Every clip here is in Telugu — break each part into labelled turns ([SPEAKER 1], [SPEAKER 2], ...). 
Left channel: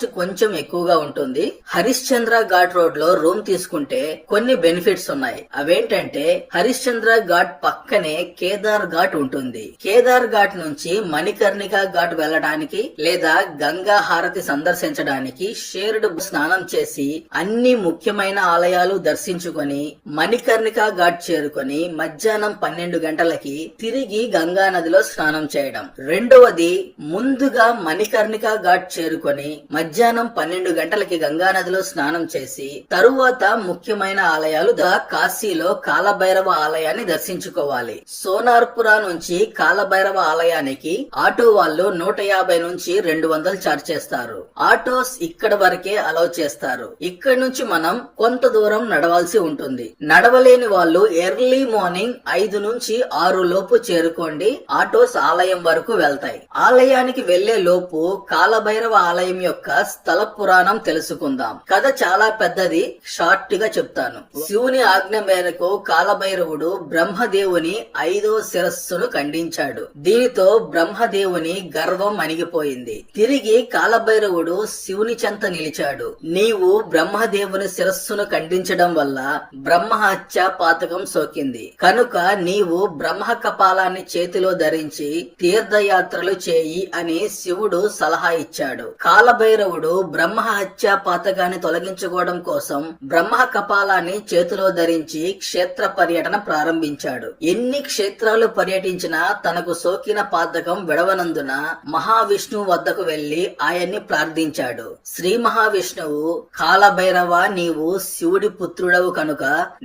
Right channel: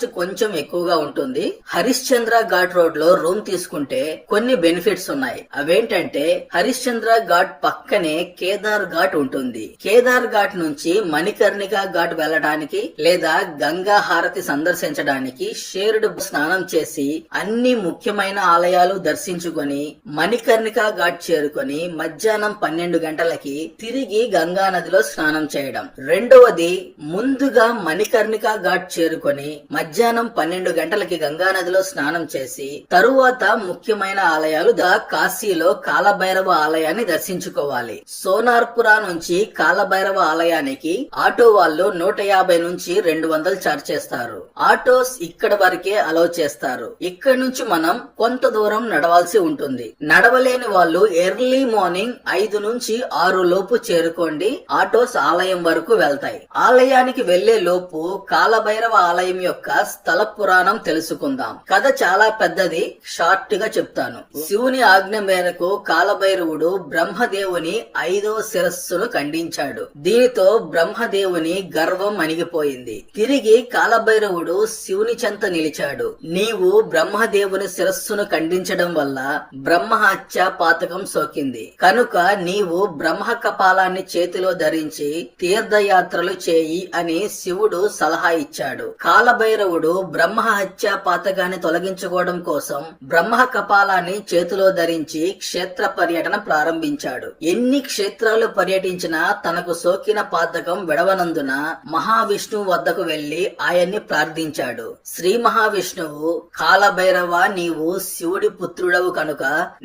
[SPEAKER 1] కాస్ట్ కొంచెం ఎక్కువగా ఉంటుంది. హరిశ్చంద్ర ఘాట్ రోడ్లో రూమ్ తీసుకుంటే కొన్ని బెనిఫిట్స్ ఉన్నాయి. అవేంటంటే హరిశ్చంద్ర ఘాట్ పక్కనే కేదార్ ఘాట్ ఉంటుంది. కేదార్ ఘాట్ నుంచి మణికర్ణిక ఘాట్ వెళ్ళడానికి లేదా గంగా హారతి సందర్శించడానికి షేర్డ్ స్నానం చేసి అన్ని ముఖ్యమైన ఆలయాలు దర్శించుకొని మణికర్ణిక ఘాట్ చేరుకొని మధ్యాహ్నం పన్నెండు గంటలకి తిరిగి గంగా నదిలో స్నానం చేయడం. రెండవది ముందుగా మణికర్ణిక ఘాట్ చేరుకొని మధ్యాహ్నం పన్నెండు గంటలకి గంగా నదిలో స్నానం చేసి తరువాత ముఖ్యమైన ఆలయాలు ద కాశీలో కాలభైరవ ఆలయాన్ని దర్శించుకోవాలి. సోనార్పురా నుంచి కాలభైరవ ఆలయానికి ఆటో వాళ్ళు నూట యాభై నుంచి రెండు వందలు చార్జ్ చేస్తారు. ఆటోస్ ఇక్కడ వరకే అలౌ చేస్తారు. ఇక్కడ నుంచి మనం కొంత దూరం నడవాల్సి ఉంటుంది. నడవలేని వాళ్ళు ఎర్లీ మార్నింగ్ ఐదు నుంచి ఆరు లోపు చేరుకోండి. ఆటోస్ ఆలయం వరకు వెళ్తాయి. ఆలయానికి వెళ్ళే లోపు కాలభైరవ ఆలయం యొక్క స్థల పురాణం తెలుసుకుందాం. కథ చాలా పెద్దది షార్ట్గా చెప్తాను. శివుని ఆజ్ఞ మేరకు కాలభైరవుడు బ్రహ్మదేవుని ఐదో శిరస్సును ఖండించాడు. దీనితో బ్రహ్మదేవుని గర్వం అణిగిపోయింది. తిరిగి కాలభైరవుడు శివుని చెంత నిలిచాడు. నీవు బ్రహ్మదేవుని శిరస్సును ఖండించడం వల్ల బ్రహ్మ హత్య పాతకం సోకింది. కనుక నీవు బ్రహ్మ కపాలాన్ని చేతిలో ధరించి తీర్థయాత్రలు చేయి అని శివుడు సలహా ఇచ్చాడు. కాలభైరవుడు బ్రహ్మ హత్య పాతకాన్ని తొలగించుకోవడం కోసం బ్రహ్మ కపాలాన్ని చేతిలో ధరించి క్షేత్ర పర్యటన ప్రారంభించాడు. ఎన్ని క్షేత్రాలు పర్యటించినా తనకు సోకిన పాతకం విడవనందున మహావిష్ణువు వద్దకు వెళ్ళి ఆయన్ని ప్రార్థించాడు. శ్రీ మహావిష్ణువు కాలభైరవ నీవు శివుడి పుత్రుడవు కనుక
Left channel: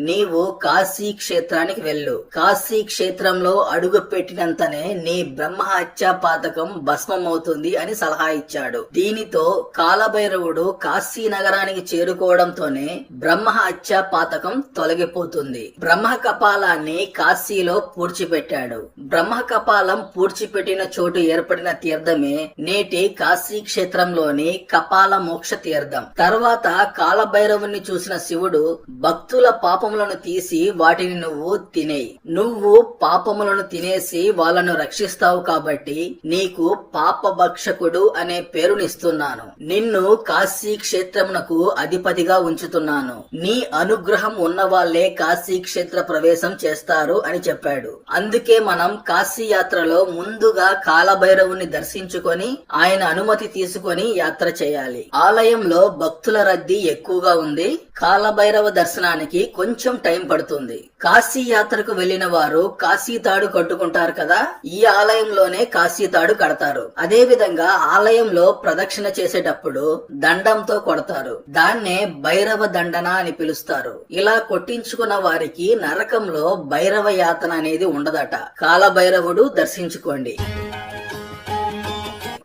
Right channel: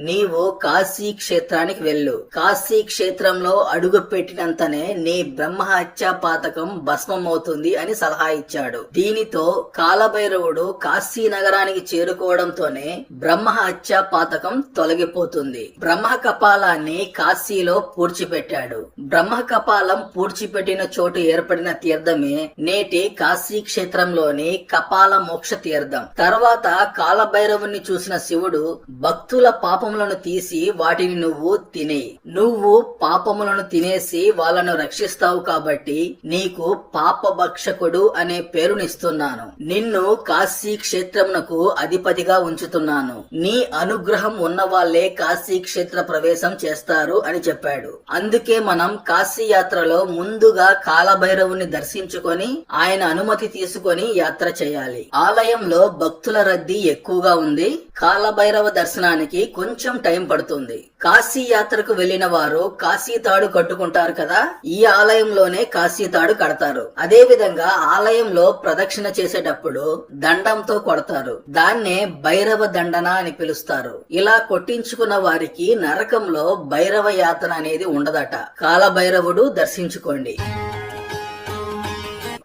[SPEAKER 1] నీవు కాశీ క్షేత్రానికి వెళ్ళు. కాశీ క్షేత్రంలో అడుగు పెట్టినంతనే నీ బ్రహ్మ హత్య పాతకం భస్మమవుతుంది అని సలహా ఇచ్చాడు. దీనితో కాలభైరవుడు కాశీనగర్ నగరానికి చేరుకోవడంతోనే బ్రహ్మ హత్య పాతకం తొలగిపోతుంది. బ్రహ్మ కపాలాన్ని కాశీలో పూడ్చిపెట్టాడు. బ్రహ్మ కపాలం పూడ్చిపెట్టిన చోటు ఏర్పడిన తీర్థమే నేటి కాశీ క్షేత్రంలోని కపాల మోక్ష తీర్థం. తర్వాత కాలభైరవుని చూసిన శివుడు భక్తుల పాపములను తీసి వాటిని నువ్వు తినేయి. నువ్వు పాపములను తినేసి వాళ్ళను రక్షిస్తావు కాబట్టి నీకు పాప భక్షకుడు అనే పేరునిస్తున్నాను. నిన్ను కాశీ క్షేత్రమునకు అధిపతిగా ఉంచుతున్నాను. నీ అనుగ్రహం ఉన్న వాళ్ళే కాశీ క్షేత్ర ప్రవేశం చేస్తారు అని చెప్పాడు. అందుకే మనం కాశీ యాత్రలో ముందుగా కాలభైరవుని దర్శించుకొని ఆయన అనుమతి తీసుకొని యాత్ర చేయాలి. ఆలయంలో భక్తుల రద్దీ ఎక్కువగా ఉంది. కాలభైరవ దర్శనానికి కొంచెం టైం పడుతుంది. కాశీ యాత్రకు వెళ్ళిన వారు కాశీ తాడు కట్టుకుంటారు కదా? ఈ ఆలయంలోనే కాశీ తాడు కడతారు. అదే విధంగా ఆలయంలో ప్రదక్షిణ చేసేటప్పుడు దండంతో కొడతారు. దాన్నే భైరవ దండన అని పిలుస్తారు. ఇలా కొట్టించుకున్న వారికి నరకంలో భైరవ యాతన అనేది ఉండదట. కాలభైరవుడు దర్శించుకోండి.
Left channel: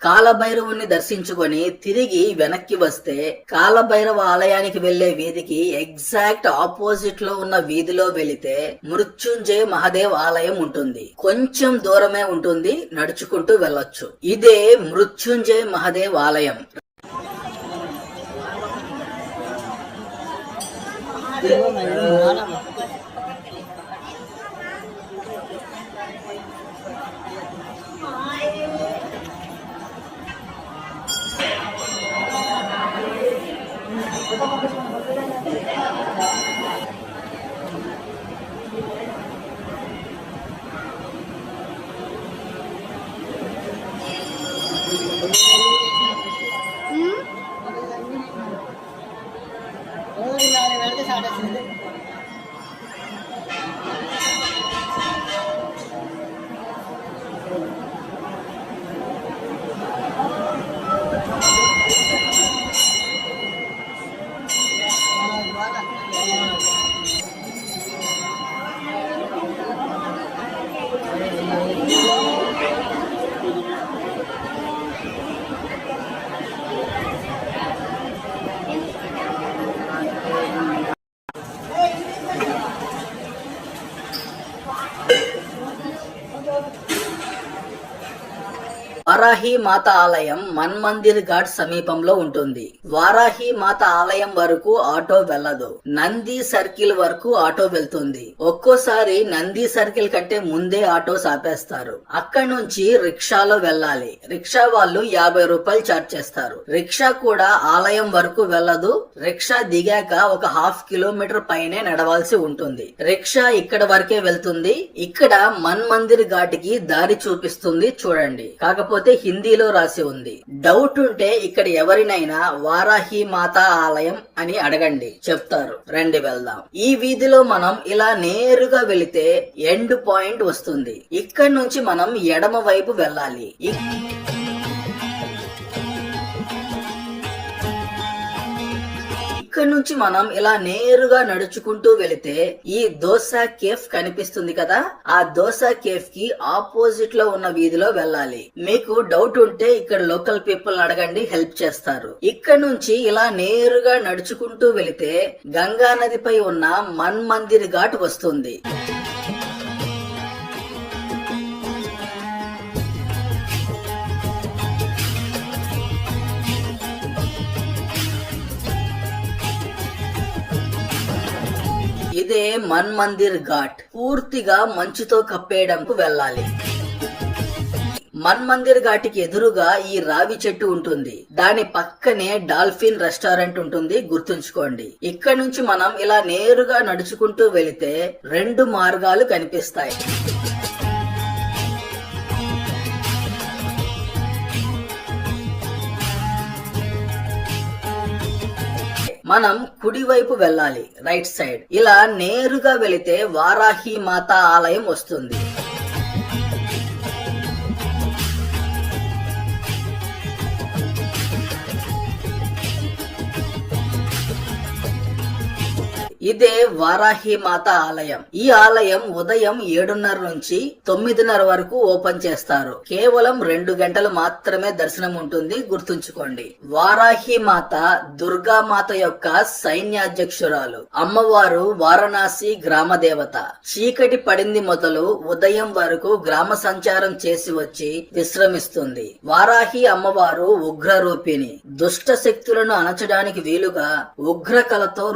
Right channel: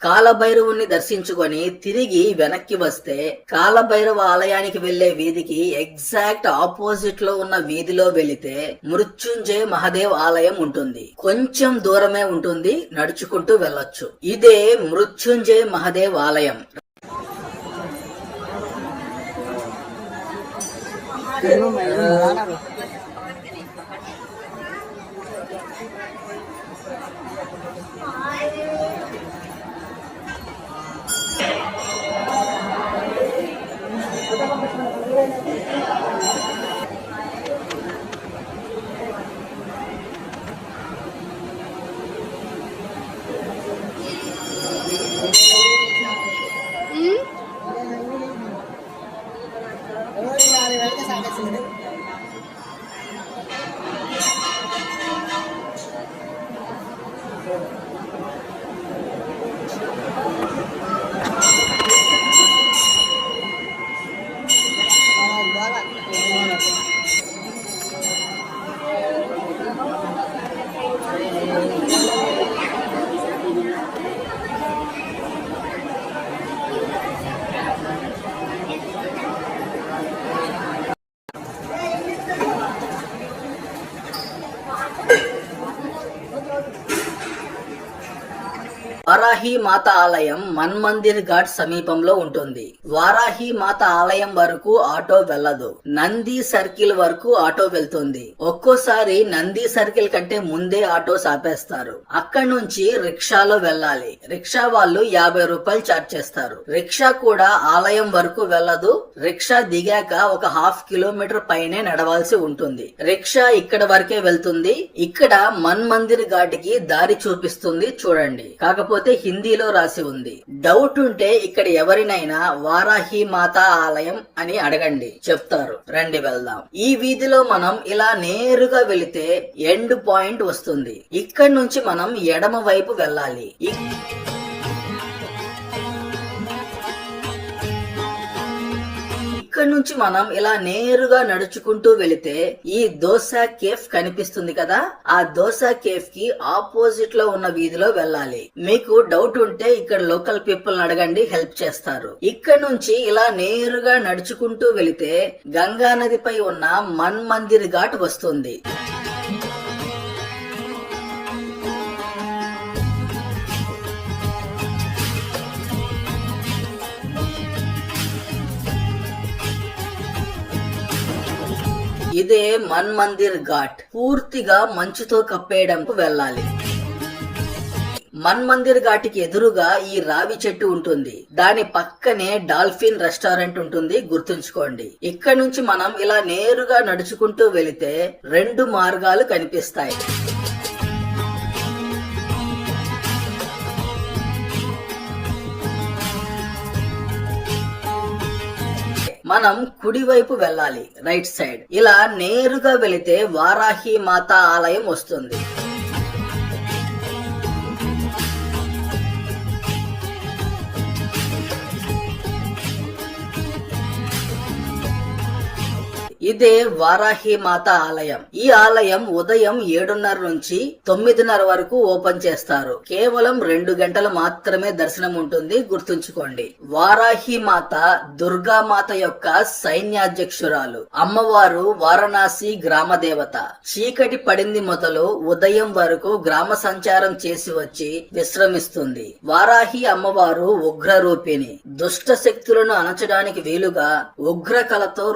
[SPEAKER 1] కాలభైరవుణ్ణి దర్శించుకొని తిరిగి వెనక్కి వస్తే కాలభైరవ ఆలయానికి వెళ్ళే వీధికి ఎగ్జాక్ట్ ఆపోజిట్లో ఉన్న వీధిలో వెళితే మృత్యుంజయ మహాదేవ్ ఆలయం ఉంటుంది. కొంచెం దూరమే ఉంటుంది. నడుచుకుంటూ వెళ్ళొచ్చు. ఇదే మృత్యుంజయ మహాదేవ్ ఆలయం. 你问问人家拿 వారాహి మాత ఆలయం మన్మందిర్ ఘాట్ సమీపంలో ఉంటుంది. వారాహి మాత ఆలయం వరకు ఆటో వెళ్ళదు. నంది సర్కిల్ వరకు ఆటో వెళ్తుంది. ఒక్కోసారి నంది సర్కిల్ కంటే ముందే ఆటో ఆపేస్తారు అక్కడి నుంచి రిక్షాలో వెళ్ళాలి. రిక్షా వాళ్ళు యాభై రూపాయలు చార్జ్ చేస్తారు. రిక్షా కూడా ఆలయం వరకు వెళ్ళదు. రిక్షా దిగాక ఒక హాఫ్ కిలోమీటర్ పైనే నడవాల్సి ఉంటుంది. రిక్షా ఇక్కడ వరకే వెళ్తుంది. ఇక్కడ మన్ మందిర్ ఘాటికి దారి చూపిస్తుంది చూడండి. కాకపోతే హిందీలో రాసి ఉంది. డౌట్ ఉంటే ఇక్కడ ఎవరినైనా వారాహి మాతా ఆలయం అని అడగండి. చెప్తారు. రండి వెళ్దాం. ఈ వీధిలో మనం ఇలా నేరుగా వెళితే ఎండ్ పాయింట్ వస్తుంది. ఇక్కడ నుంచి మనం ఎడమ వైపు వెళ్ళాలి. ఇక్కడ నుంచి మనం ఇలా నేరుగా నడుచుకుంటూ వెళితే ఈ దోశ కేఫ్ కనిపిస్తుంది కదా? ఆ దోశ కేఫ్కి ఆపోజిట్లో ఉన్న వీధిలో వెళ్ళాలి. మీకు డౌట్ ఉంటే ఇక్కడ లోకల్ పీపుల్ అడగండి హెల్ప్ చేస్తారు. ఇక్కడ నుంచి ఇలా నేరుగా నడుచుకుంటూ వెళితే గంగా నదిపై ఉన్న మన్ మందిర్ ఘాట్ వస్తుంది. ఇదే మన్ మందిర్ ఘాట్. పూర్తిగా మంచుతో కప్పేయడంకు వెళ్ళాలి. మన్ మందిర్ ఘాటికి ఎదురుగా ఈ రావి చెట్టు ఉంటుంది. దాని పక్కనే డాల్ఫిన్ రెస్టారెంట్ ఉంటుంది గుర్తుంచుకోండి. ఇక్కడ నుంచి మనం ఇలా నేరుగా నడుచుకుంటూ వెళితే రెండు మార్గాలు కనిపిస్తాయి. మనం కుడి వైపు వెళ్ళాలి రైట్ సైడ్ ఇలా నేరుగా వెళితే వారాహి మాత ఆలయం వస్తుంది. ఇదే వారాహి మాత ఆలయం. ఈ ఆలయం ఉదయం ఏడున్నర నుంచి తొమ్మిదిన్నర వరకు ఓపెన్ చేస్తారు. కేవలం రెండు గంటలు మాత్రమే దర్శనం ఉంటుంది గుర్తుంచుకోండి. వారాహి మాత దుర్గా మాత యొక్క సైన్యాధ్యక్షురాలు. అమ్మవారు వారణాసి గ్రామ దేవత. చీకటి పడింది మొదలు ఉదయం వరకు గ్రామ సంచారం చేసి వచ్చి విశ్రమిస్తుంది. వారాహి అమ్మవారు ఉగ్ర రూపిణి దుష్ట శక్తులను అణచడానికి వీలుగా ఉగ్ర కళతో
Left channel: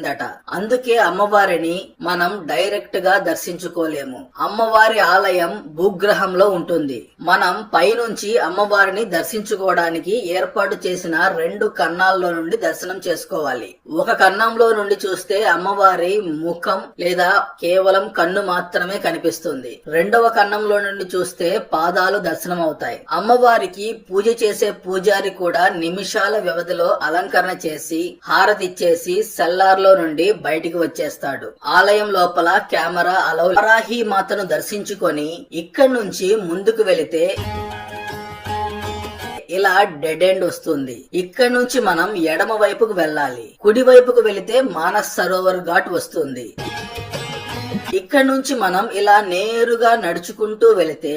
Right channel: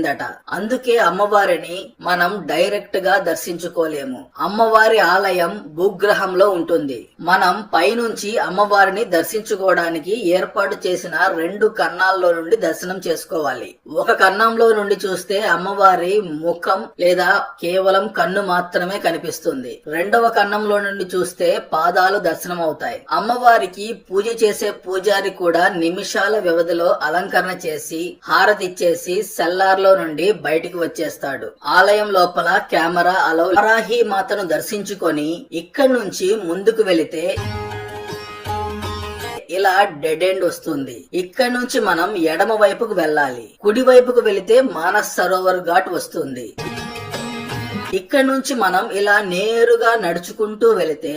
[SPEAKER 1] రూపొందించబడిందట అందుకే అమ్మవారిని మనం డైరెక్ట్గా దర్శించుకోలేము. అమ్మవారి ఆలయం భూగ్రహంలో ఉంటుంది. మనం పైనుంచి అమ్మవారిని దర్శించుకోవడానికి ఏర్పాటు చేసిన రెండు కన్నాల్లో నుండి దర్శనం చేసుకోవాలి. ఒక కన్నంలో నుండి చూస్తే అమ్మవారి ముఖం లేదా కేవలం కన్ను మాత్రమే కనిపిస్తుంది. రెండవ కన్నంలో నుండి చూస్తే పాదాలు దర్శనం అవుతాయి. అమ్మవారికి పూజ చేసే పూజారి కూడా నిమిషాల వ్యవధిలో అలంకరణ చేసి హారతిచ్చేసి సెల్లార్లో నుండి బయటికి వచ్చేస్తాడు. ఆలయం లోపల కెమెరా అలౌ వరాహి మాతను దర్శించుకొని ఇక్కడి నుంచి ముందుకు వెళితే ఇలా డెడ్ ఎండ్ వస్తుంది. ఇక్కడ నుంచి మనం ఎడమ వైపుకు వెళ్ళాలి. కుడి వైపుకు వెళితే మానస్ సరోవర్ ఘాట్ వస్తుంది. ఇక్కడ నుంచి మనం ఇలా నేరుగా నడుచుకుంటూ వెళితే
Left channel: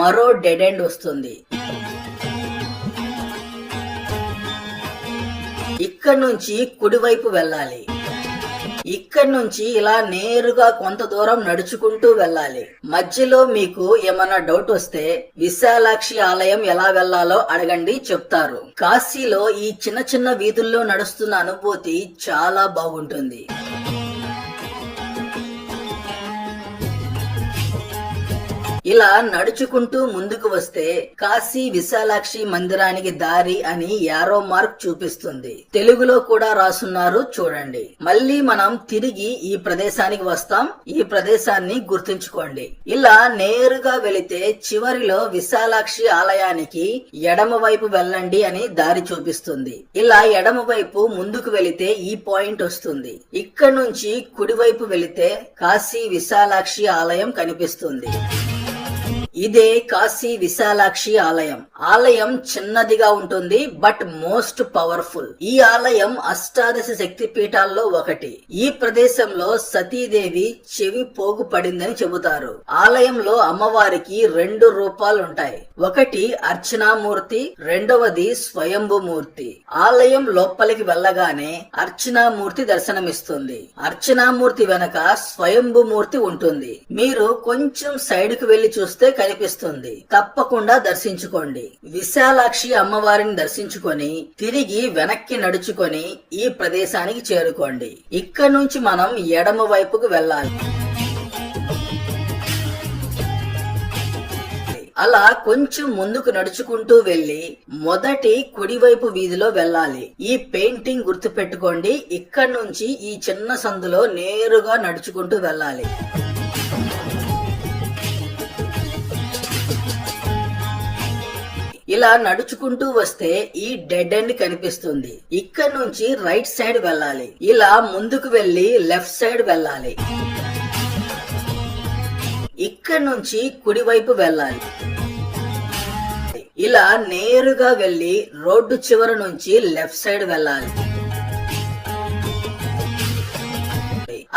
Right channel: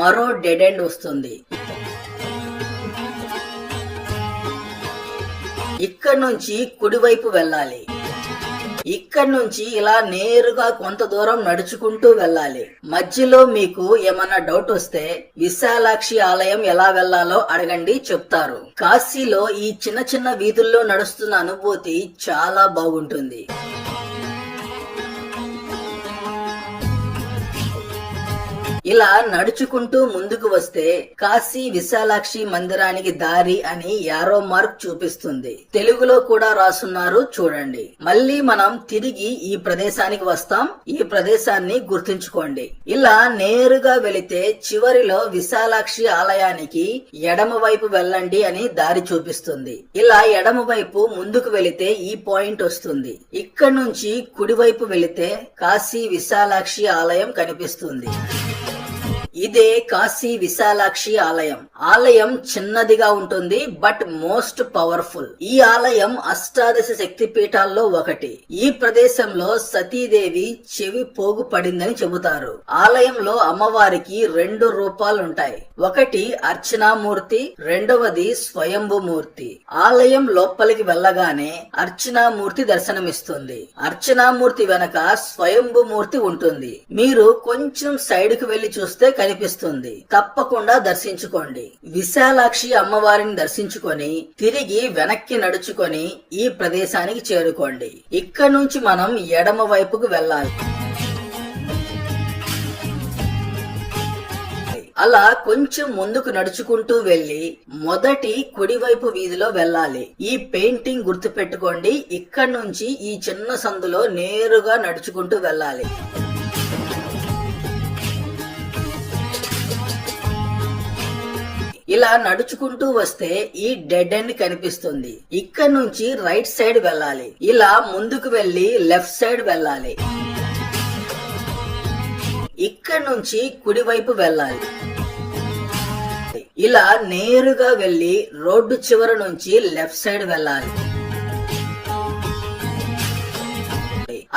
[SPEAKER 1] మరో డెడ్ ఎండ్ వస్తుంది. ఇక్కడ నుంచి కుడివైపు వెళ్ళాలి. ఇక్కడ నుంచి ఇలా నేరుగా కొంత దూరం నడుచుకుంటూ వెళ్ళాలి. మధ్యలో మీకు ఏమన్నా డౌట్ వస్తే విశాలాక్షి ఆలయం ఎలా వెళ్ళాలో అడగండి చెప్తారు. కాశీలో ఈ చిన్న చిన్న వీధుల్లో నడుస్తున్న అనుభూతి చాలా బాగుంటుంది. ఇలా నడుచుకుంటూ ముందుకు వస్తే కాశీ విశాలాక్షి మందిరానికి దారి అని యారో మార్క్ చూపిస్తుంది. తెలుగులో కూడా రాసున్నారు చూడండి. మళ్ళీ మనం తిరిగి ఈ ప్రదేశానికి వస్తాం. ఈ ప్రదేశాన్ని గుర్తుంచుకోండి. ఇలా నేరుగా వెళితే చివరిలో విశాలాక్షి ఆలయానికి ఎడమ వైపు వెళ్ళండి అని దారి చూపిస్తుంది. ఇలా ఎడమ వైపు ముందుకు వెళితే ఈ పాయింట్ వస్తుంది. ఇక్కడ నుంచి కుడివైపు వెళితే కాశీ విశాలాక్షి ఆలయం కనిపిస్తుంది. ఇదే కాశీ విశాలాక్షి ఆలయం. ఆలయం చిన్నదిగా ఉంటుంది బట్ మోస్ట్ పవర్ఫుల్. ఈ ఆలయం అష్టాదశ శక్తి పీఠాల్లో ఒకటి. ఈ ప్రదేశంలో సతీదేవి చెవి పోగు పడిందని చెబుతారు. ఆలయంలో అమ్మవారికి రెండు రూపాలుంటాయి. ఒకటి అర్చనామూర్తి రెండవది స్వయంభుమూర్తి. ఆలయం లోపలికి వెళ్ళగానే అర్చనామూర్తి దర్శనమిస్తుంది. అర్చనామూర్తి వెనక స్వయంభుమూర్తి ఉంటుంది. మీరు కొంచెం సైడ్కు వెళ్ళి చూస్తే కనిపిస్తుంది. తప్పకుండా దర్శించుకోండి. విశాలాక్షి అమ్మవారిని దర్శించుకొని తిరిగి వెనక్కి నడుచుకొని ఈ ప్రదేశానికి చేరుకోండి. ఇక్కడ నుంచి మనం ఎడమ వైపుకు వెళ్ళాలి. అలా కొంచెం ముందుకు నడుచుకుంటూ వెళ్ళి మొదటి కుడివైపు వీధిలో వెళ్ళాలి. ఈ పెయింటింగ్ గుర్తు పెట్టుకోండి ఇక్కడ నుంచి ఈ చిన్న సందులో నేరుగా నడుచుకుంటూ వెళ్ళాలి. ఇలా నడుచుకుంటూ వస్తే ఈ డెడ్ ఎండ్ కనిపిస్తుంది. ఇక్కడ నుంచి రైట్ సైడ్ వెళ్ళాలి. ఇలా ముందుకు వెళ్ళి లెఫ్ట్ సైడ్ వెళ్ళాలి. ఇక్కడ నుంచి కుడివైపు వెళ్ళాలి. ఇలా నేరుగా వెళ్ళి రోడ్డు చివరి నుంచి లెఫ్ట్ సైడ్ వెళ్ళాలి.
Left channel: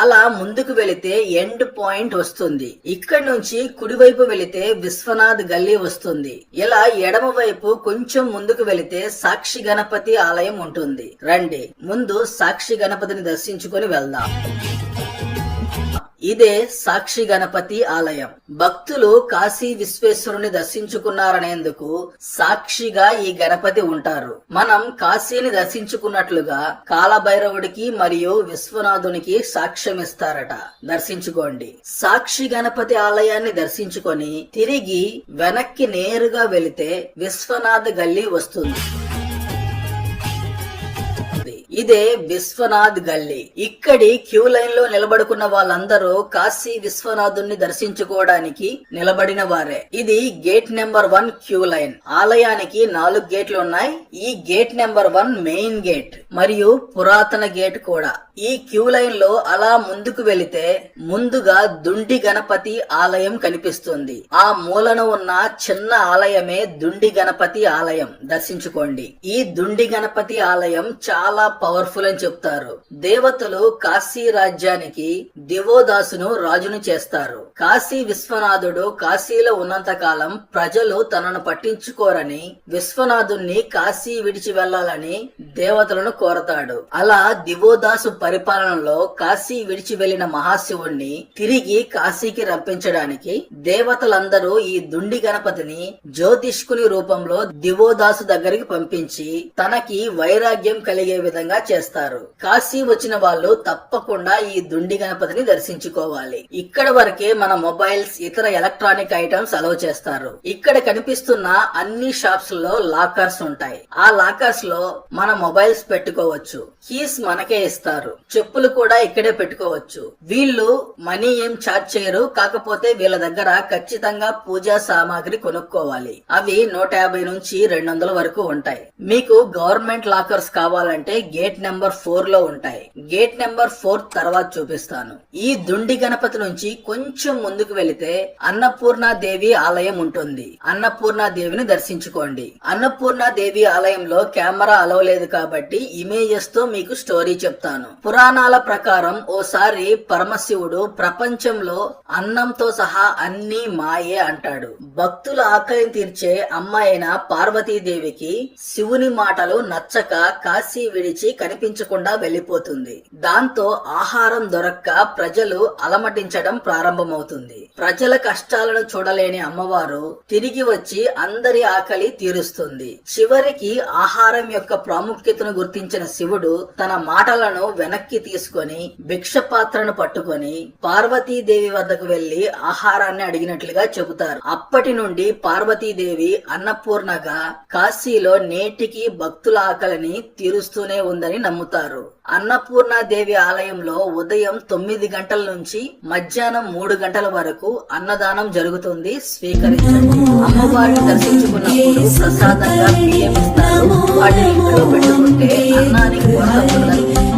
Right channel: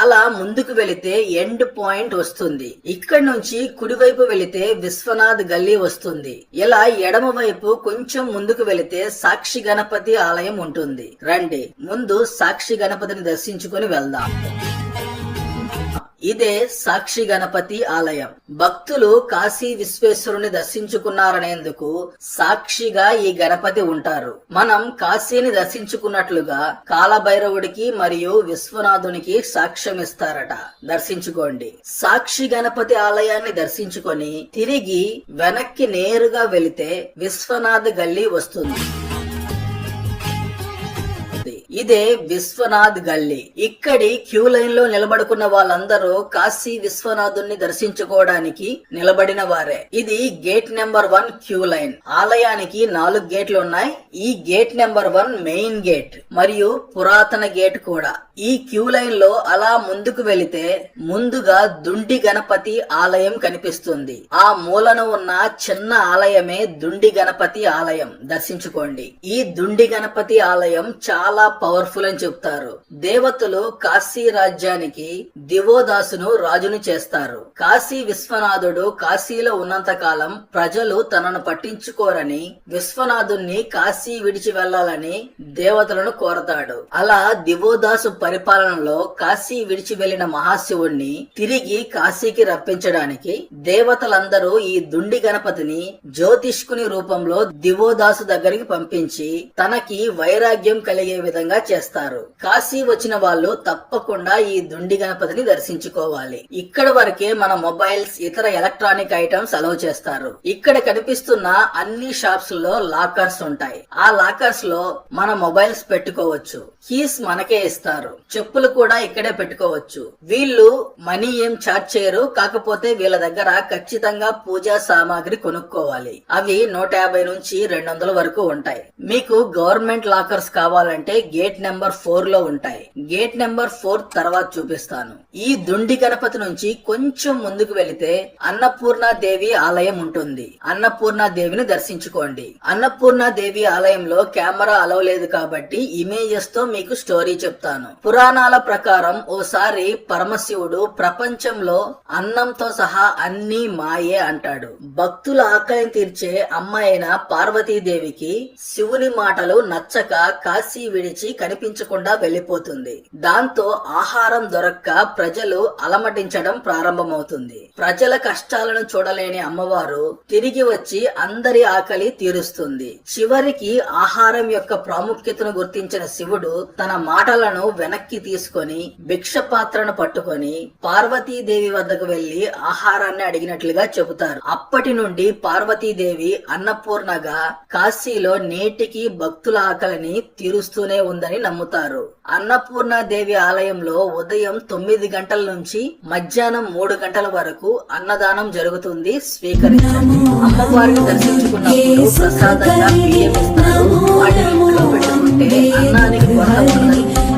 [SPEAKER 1] అలా ముందుకు వెళితే ఎండ్ పాయింట్ వస్తుంది. ఇక్కడ నుంచి కుడివైపు వెళితే విశ్వనాథ్ గల్లీ వస్తుంది. ఇలా ఎడమ వైపు కొంచెం ముందుకు వెళితే సాక్షి గణపతి ఆలయం ఉంటుంది. రండి ముందు సాక్షి గణపతిని దర్శించుకొని వెళ్దాం. ఇదే సాక్షి గణపతి ఆలయం. భక్తులు కాశీ విశ్వేశ్వరుని దర్శించుకున్నారనేందుకు సాక్షిగా ఈ గణపతి ఉంటారు. మనం కాశీని దర్శించుకున్నట్లుగా కాలభైరవుడికి మరియు విశ్వనాథునికి సాక్ష్యం ఇస్తారట. దర్శించుకోండి. సాక్షి గణపతి ఆలయాన్ని దర్శించుకొని తిరిగి వెనక్కి నేరుగా వెళితే విశ్వనాథ్ గల్లీ వస్తుంది. ఇదే విశ్వనాథ్ గల్లీ. ఇక్కడి క్యూ లైన్లో నిలబడుకున్న వాళ్ళందరూ కాశీ విశ్వనాథుని దర్శించుకోవడానికి నిలబడిన వారే. ఇది gate number one queue line. ఆలయానికి నాలుగు గేట్లు ఉన్నాయి. ఈ gate number one main gate మరియు పురాతన గేట్ కూడా. ఈ క్యూ లైన్లో అలా ముందుకు వెళితే ముందుగా దుండి గణపతి ఆలయం కనిపిస్తుంది. ఆ మూలన ఉన్న చిన్న ఆలయమే దుండి గణపతి ఆలయం. దర్శించుకోండి. ఈ దుండి గణపతి ఆలయం చాలా పవర్ఫుల్ అని చెప్తారు. దేవతలు కాశీ రాజ్యానికి దివోదాసును రాజును చేస్తారు. కాశీ విశ్వనాథుడు కాశీలో ఉన్నంత కాలం ప్రజలు తనను పట్టించుకోరని విశ్వనాథుణ్ణి కాశీ విడిచి వెళ్ళాలని దేవతలను కోరతాడు. అలా దివోదాసు పరిపాలనలో కాశీ విడిచి వెళ్ళిన మహాశివుణ్ణి తిరిగి కాశీకి రప్పించడానికి దేవతలందరూ ఈ దుండి గణపతిని జ్యోతిష్కుని రూపంలో దివోదాసు దగ్గరికి పంపించి తనకి వైరాగ్యం కలిగే విధంగా చేస్తారు. కాశీ వచ్చిన వాళ్ళు తప్పకుండా ఈ దుండి గణపతిని దర్శించుకోవాలి. ఇక్కడ వరకే మన మొబైల్స్ ఇతర ఎలక్ట్రానిక్ ఐటమ్స్ అలవ్ చేస్తారు. ఇక్కడ కనిపిస్తున్న అన్ని షాప్స్లో లాకర్స్ ఉంటాయి. ఆ లాకర్స్లో మన మొబైల్స్ పెట్టుకోవచ్చు. కీస్ మనకే ఇస్తారు. చెప్పులు కూడా ఇక్కడే పెట్టుకోవచ్చు. వీళ్ళు మనీ ఏం చార్జ్ చేయరు. కాకపోతే వీళ్ళ దగ్గర ఖచ్చితంగా పూజా సామాగ్రి కొనుక్కోవాలి. అవి నూట యాభై నుంచి రెండు వందల వరకు ఉంటాయి. మీకు గవర్నమెంట్ లాకర్స్ కావాలంటే గేట్ నెంబర్ ఫోర్లో ఉంటాయి. గేట్ నెంబర్ ఫోర్ తర్వాత చూపిస్తాను. ఈ దుండి గణపతి నుంచి కొంచెం ముందుకు వెళితే అన్నపూర్ణాదేవి ఆలయం ఉంటుంది. అన్నపూర్ణాదేవిని దర్శించుకోండి. అన్నపూర్ణాదేవి ఆలయంలో కెమెరా అలవ్ లేదు కాబట్టి ఇమేజెస్తో మీకు స్టోరీ చెప్తాను. పురాణాల ప్రకారం ఓసారి పరమశివుడు ప్రపంచంలో అన్నంతో సహా అన్ని మాయే అంటాడు. భక్తుల ఆకలిని తీర్చే అమ్మాయిన పార్వతీదేవికి శివుని మాటలు నచ్చక కాశీ విడిచి కనిపించకుండా వెళ్ళిపోతుంది దాంతో ఆహారం దొరక్క ప్రజలు అలమటించడం ప్రారంభమవుతుంది. ప్రజల కష్టాలను చూడలేని అమ్మవారు తిరిగి వచ్చి అందరి ఆకలి తీరుస్తుంది. చివరికి ఆహారం యొక్క ప్రాముఖ్యతను గుర్తించిన శివుడు తన మాటలను వెనక్కి తీసుకొని భిక్ష పాత్రను పట్టుకొని పార్వతీదేవి వద్దకు వెళ్ళి ఆహారాన్ని అడిగినట్లుగా చెబుతారు. అప్పటి నుండి పార్వతీదేవి అన్నపూర్ణగా కాశీలో నేటికి భక్తుల ఆకలిని తీరుస్తూనే ఉందని నమ్ముతారు. అన్నపూర్ణ దేవి ఆలయంలో ఉదయం తొమ్మిది గంటల నుంచి మధ్యాహ్నం మూడు గంటల వరకు అన్నదానం జరుగుతుంది. స్వీకరించండి. అమ్మవారిని దర్శించుకున్నప్పుడు ప్రసాదంగా బియ్యం ఇస్తారు. వాటిని ఇంట్లో పెట్టుకుంటే అన్నానికి కొరత ఉండదు.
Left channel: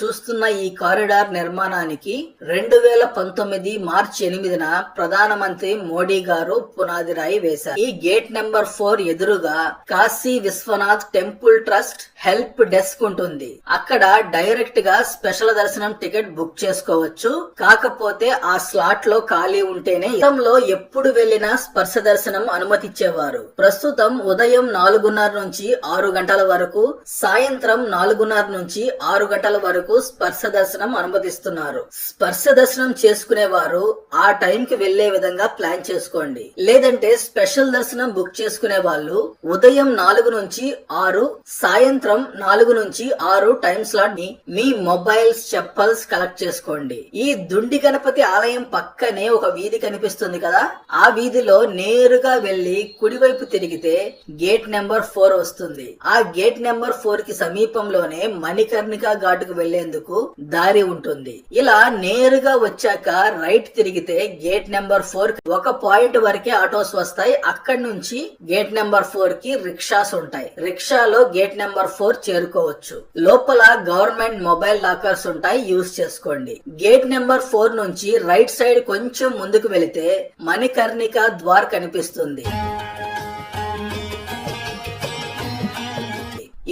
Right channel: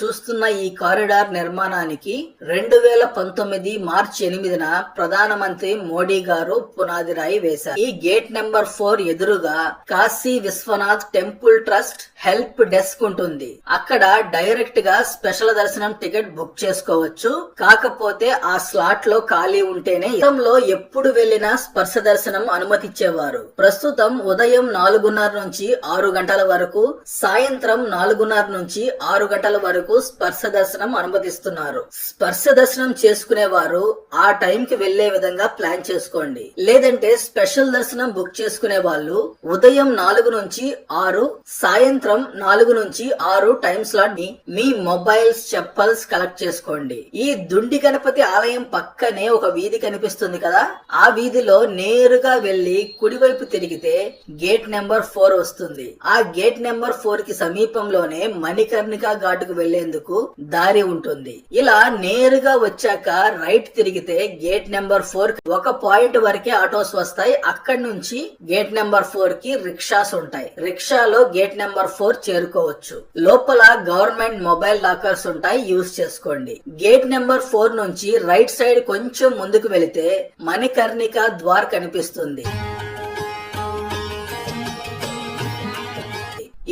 [SPEAKER 1] చూస్తున్న ఈ కారిడార్ నిర్మాణానికి రెండు వేల పంతొమ్మిది మార్చి ఎనిమిదిన ప్రధానమంత్రి మోడీ గారు పునాది రాయి వేశారు. ఈ గేట్ నెంబర్ ఫోర్ ఎదురుగా Kashi Vishwanath temple trust help desk ఉంటుంది. అక్కడ డైరెక్ట్గా స్పెషల్ దర్శనం టికెట్ బుక్ చేసుకోవచ్చు. కాకపోతే ఆ స్లాట్లో ఖాళీ ఉంటేనే గతంలో ఎప్పుడు వెళ్ళినా స్పర్శ దర్శనం అనుమతిచ్చేవారు. ప్రస్తుతం ఉదయం నాలుగున్నర నుంచి ఆరు గంటల వరకు సాయంత్రం నాలుగున్నర నుంచి ఆరు గంటల వరకు స్పర్శ దర్శనం అనుమతిస్తున్నారు. స్పర్శ దర్శనం చేసుకునే వారు ఆ టైం కి వెళ్ళే విధంగా ప్లాన్ చేసుకోండి. లేదంటే స్పెషల్ దర్శనం బుక్ చేసుకునే వాళ్ళు ఉదయం నాలుగు నుంచి ఆరు సాయంత్రం నాలుగు నుంచి ఆరు టైం స్లాట్ని మీ మొబైల్స్ చెప్పల్స్ కలెక్ట్ చేసుకోండి. ఈ దుండి గణపతి ఆలయం పక్కనే ఒక వీధి కనిపిస్తుంది కదా? ఆ వీధిలో నేరుగా వెళ్ళి కుడివైపు తిరిగితే గేట్ నెంబర్ ఫోర్ వస్తుంది. ఆ గేట్ నెంబర్ ఫోర్కి సమీపంలోనే మణికర్ణిక ఘాటుకు వెళ్ళేందుకు దారి ఉంటుంది. ఇలా నేరుగా వచ్చాక రైట్ తిరిగితే గేట్ నెంబర్ ఫోర్ ఒక పాయింట్ వరకే ఆటోస్ వస్తాయి. అక్కడి నుంచి గేట్ నెంబర్ ఫోర్కి రిక్షాస్ ఉంటాయి. రిక్షాలో గేట్ నెంబర్ ఫోర్ చేరుకోవచ్చు. లోపల గవర్నమెంట్ మొబైల్ లాకర్స్ ఉంటాయి. యూజ్ చేసుకోండి. గేట్ నెంబర్ ఫోర్ నుంచి రైట్ సైడ్ కొంచెం ముందుకు వెళితే మణికర్ణిక ద్వార్ కనిపిస్తుంది.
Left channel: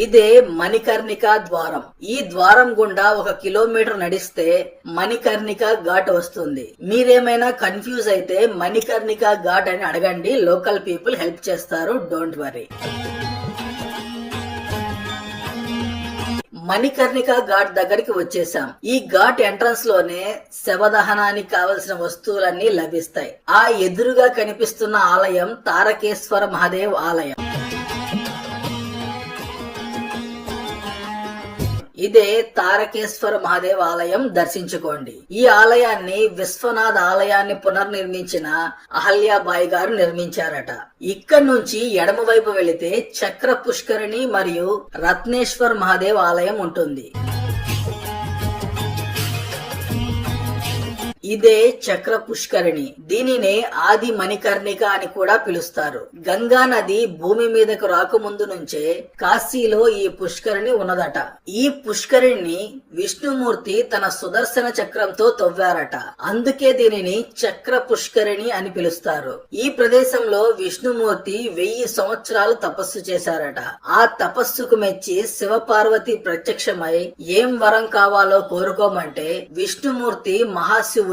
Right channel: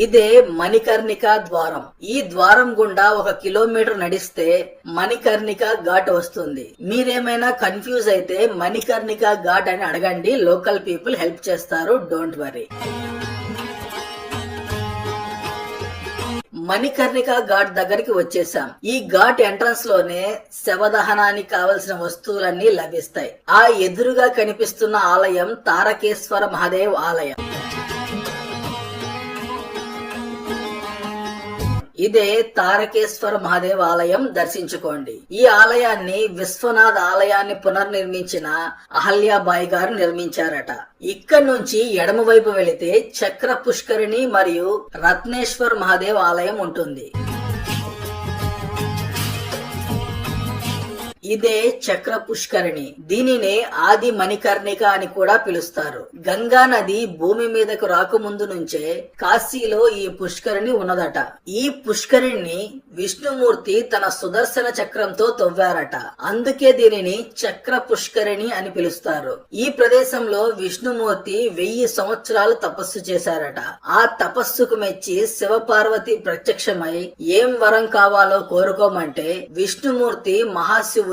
[SPEAKER 1] ఇదే మణికర్ణిక ద్వారం. ఈ ద్వారం గుండా ఒక కిలోమీటర్ నడిస్తే మణికర్ణిక ఘాట్ వస్తుంది. మీరేమైనా కన్ఫ్యూజ్ అయితే మణికర్ణిక ఘాట్ అని అడగండి. లోకల్ పీపుల్ హెల్ప్ చేస్తారు. Don't worry. మణికర్ణిక ఘాట్ దగ్గరికి వచ్చేసాం ఈ ఘాట్ ఎంట్రన్స్లోనే శవదహనానికి కావలసిన వస్తువులన్నీ లభిస్తాయి. ఆ ఎదురుగా కనిపిస్తున్న ఆలయం తారకేశ్వర మహాదేవ్ ఆలయం. ఇదే తారకేశ్వర మహాదేవ్ ఆలయం దర్శించుకోండి. ఈ ఆలయాన్ని విశ్వనాథ్ ఆలయాన్ని పునర్నిర్మించిన అహల్యాబాయి గారు నిర్మించారట. ఇక్కడ నుంచి ఎడమ వైపు వెళితే చక్ర పుష్కరిణి మరియు రత్నేశ్వర్ మహాదేవ్ ఆలయం ఉంటుంది. ఇదే చక్ర పుష్కరిణి దీనినే ఆది మణికర్ణిక అని కూడా పిలుస్తారు. గంగా నది భూమి మీదకు రాకముందు నుంచే కాశీలో ఈ పుష్కరిణి ఉన్నదట. ఈ పుష్కరిణి విష్ణుమూర్తి తన సుదర్శన చక్రంతో తవ్వారట. అందుకే దీనిని చక్ర పుష్కరిణి అని పిలుస్తారు. ఈ ప్రదేశంలో విష్ణుమూర్తి వెయ్యి సంవత్సరాలు తపస్సు చేశారట. ఆ తపస్సుకు మెచ్చి శివపార్వతి ప్రత్యక్షమై ఏం వరం కావాలో కోరుకోమంటే విష్ణుమూర్తి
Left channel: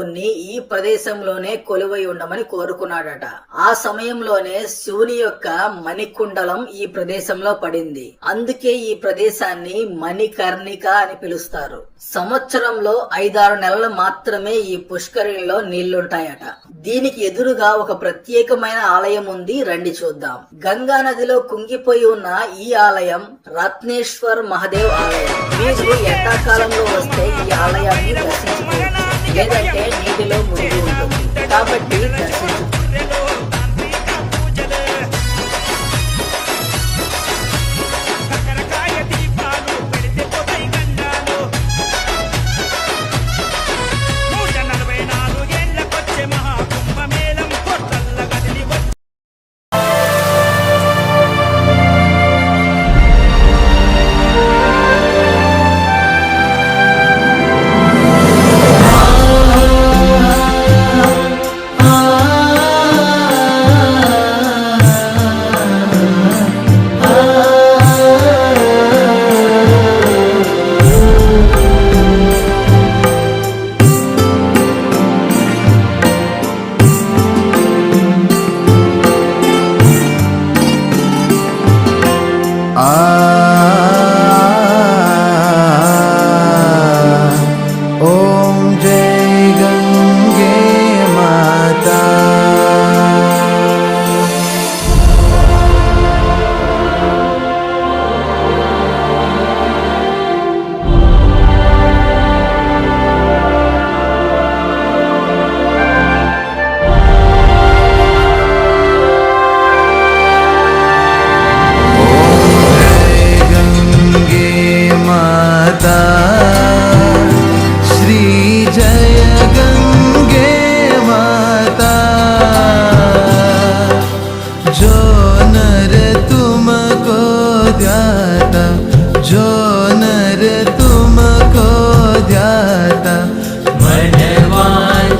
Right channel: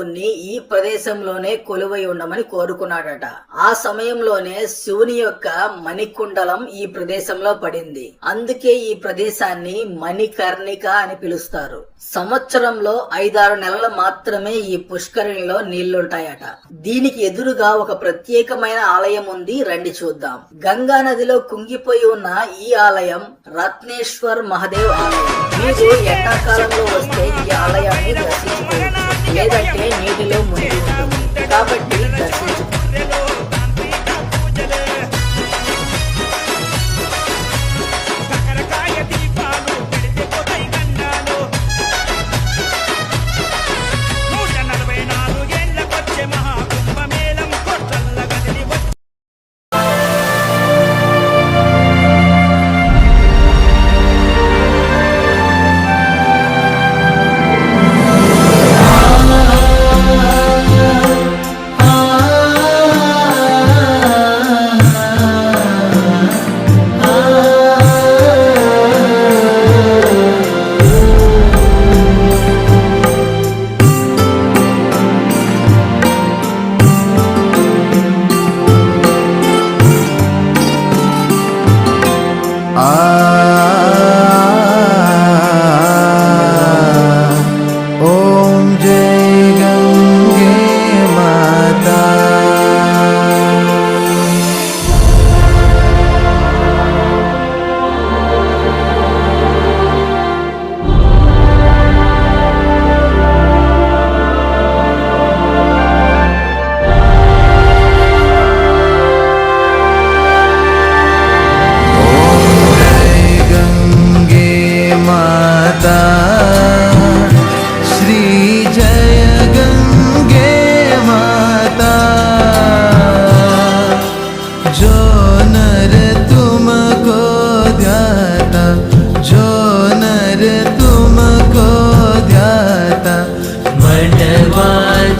[SPEAKER 1] మహాశివుణ్ణి ఈ ప్రదేశంలోనే కొలువై ఉండమని కోరుకున్నాడట. ఆ సమయంలోనే శివుని యొక్క మణికుండలం ఈ ప్రదేశంలో పడింది. అందుకే ఈ ప్రదేశాన్ని మణికర్ణిక అని పిలుస్తారు. సంవత్సరంలో ఐదారు నెలలు మాత్రమే ఈ పుష్కరిణిలో నీళ్ళుంటాయట. దీనికి ఎదురుగా ఒక ప్రత్యేకమైన ఆలయం ఉంది రండి చూద్దాం. గంగా నదిలో కుంగిపోయి ఉన్న ఈ ఆలయం రత్నేశ్వర్ మహదేవ్ ఆలయం. మీకు ఎండాకాలంలో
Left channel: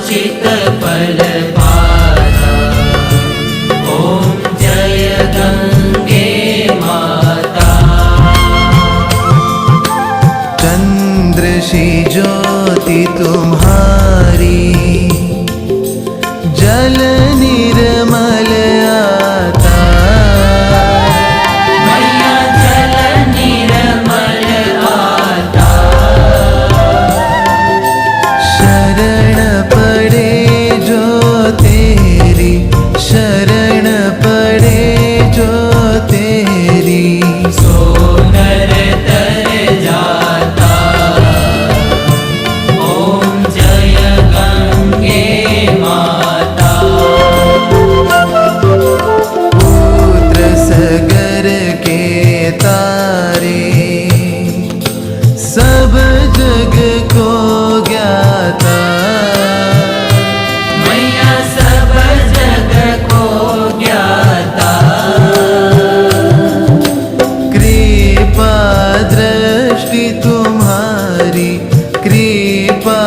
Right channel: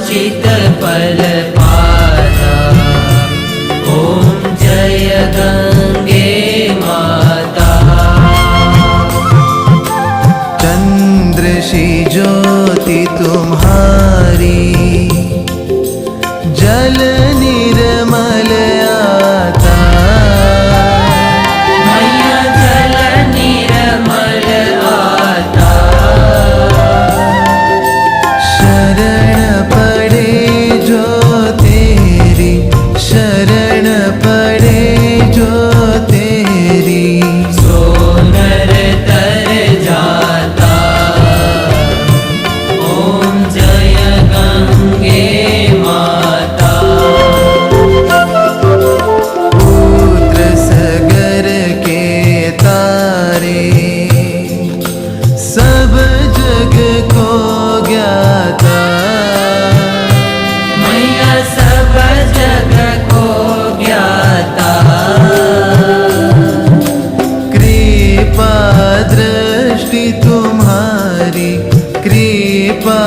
[SPEAKER 2] उचित फल पाता। ओम जय गंगे माता।
[SPEAKER 3] चंद्र सी ज्योति तुम्हारी सब जग को ज्ञाता कृपा दृष्टि तुम्हारी कृपा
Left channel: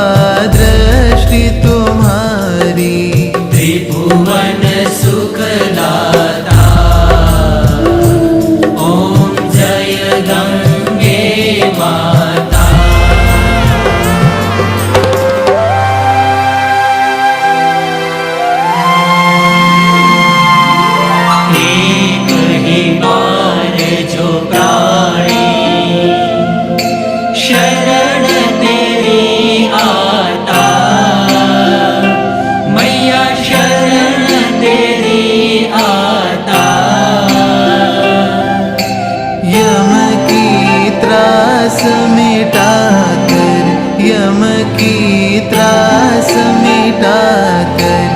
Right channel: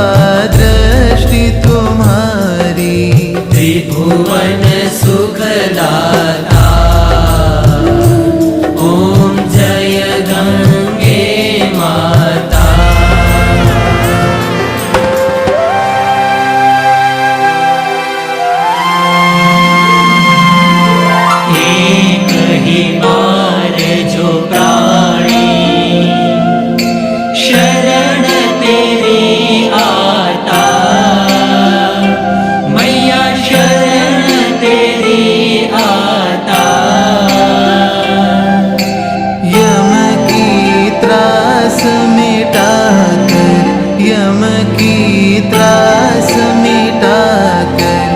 [SPEAKER 3] दृष्टि तुम्हारी।
[SPEAKER 2] त्रिभुवन सुखदाता।
[SPEAKER 3] गम की त्रास मिटा कर